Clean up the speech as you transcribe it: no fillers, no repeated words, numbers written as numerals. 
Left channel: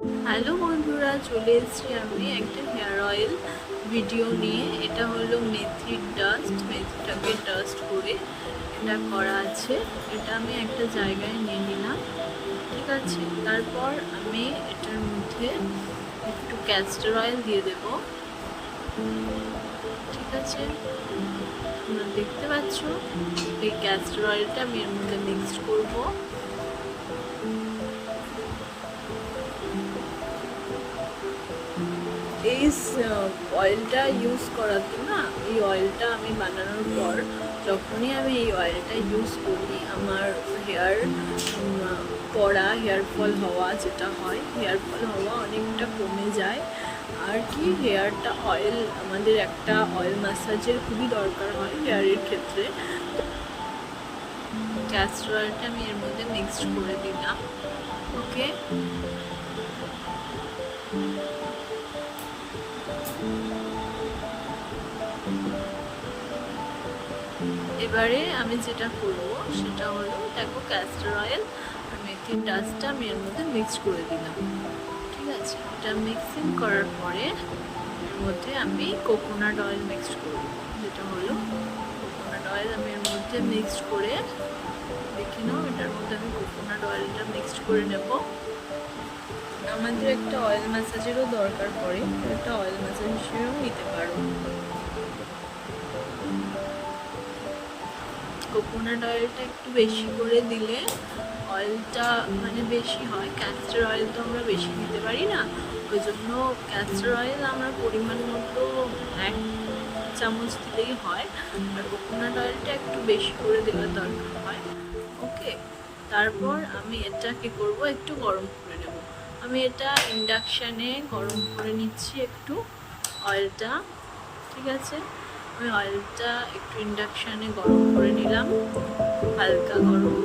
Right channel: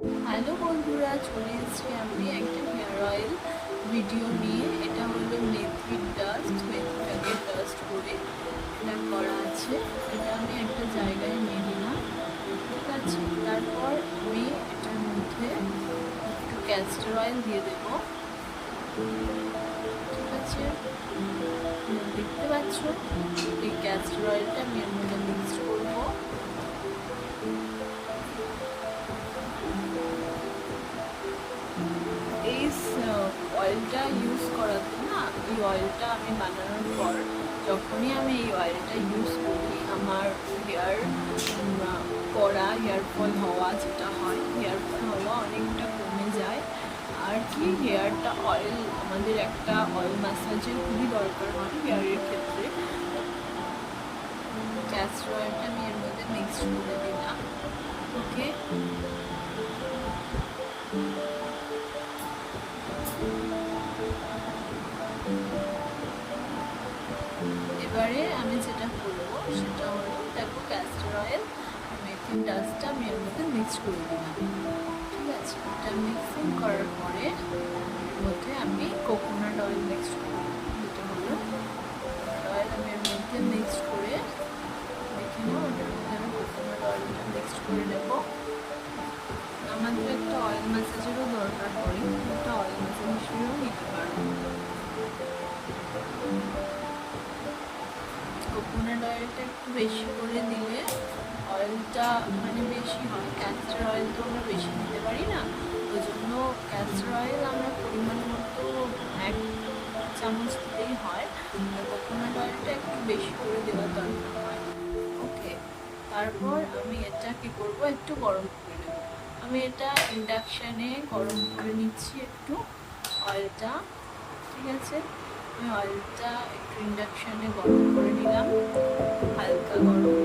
Hello বন্ধুরা, চলে এসেছি আমি একটা হেয়ার অয়েল ভিডিও নিয়ে। এটা হলো মেথির ডাস্ট। মেথিটাকে ডাস্ট করে এটা করা আছে। এটা আমি একটা জায়গায় নিয়ে নিলাম, ঠিক আছে। তারপর আমি এটার মধ্যে একটু ক্যাস্টর অয়েল দিয়ে দেব, ঠিক আছে। তোমরা দেখতে পাচ্ছ এই ক্যাস্টর অয়েলটা আমি এর মধ্যে মিক্স করবো। এই অয়েলটা ইউজ করাতে না, এই অয়েলটা আমি বানানোর পর যখনই আমি এই অয়েলটা ইউজ করি, আমার হেয়ার পড়া, হেয়ার ফল হওয়া যেটা হয়, হেয়ার ফল হওয়া অনেকটা কমে যায়। আর কি, হেয়ারটা অয়েল, আমাদের একটা অয়েল ম্যাসাজের খুবই দরকার হয় হেয়ারের ক্ষেত্রে। ক্যাস্টর অয়েলটা আমি এর মধ্যে মিক্সড করে দিলাম, ওকে। এবারে আমি যেটা করব সেটা হলো, দেখো ক্যাস্টর অয়েল আর মেথির ডাস্টটা আমি এর মধ্যে মিক্স করে দিলাম, ঠিক আছে। এটা মিক্সিং করার পরে এর মধ্যে আমি কোকোনাট অয়েল মিক্স করব, যেটা হলো কোকোনাট অয়েল আমি এর মধ্যে মিক্সড করে, দেখে নাও, এটার মধ্যে আমি কোকোনাট অয়েলটা মিক্সড করে নেব। আমাদের একটা অয়েল ম্যাসাজেরও দরকার পড়ে, একটা অয়েল ম্যাসাজ হিসেবেও নিতে পারো। কোকোনাট অয়েলটা একটু বেশি করে দিলে অয়েলটা মানে বেশি হয়। ক্যাস্টর অয়েল তো আমরা বেশি দিতে পারি না, ওই জন্য ক্যাস্টর অয়েল আমরা পরিমাণ মতো 1 চামচ দিলেই হয়, আর কোকোনাট অয়েলটা একটু বেশি করে দেওয়ার দরকার হয়, ওকে। তারপর আমি এটা কি করব, একটু গরম করে নেব। আমি এটা ইন্ডাকশানে গরম করে নিচ্ছি একটু অয়েলটা, ঠিক আছে। আমি অয়েলটা একটু ইন্ডাকশানে গরম করে নিলাম, হালকা গরম।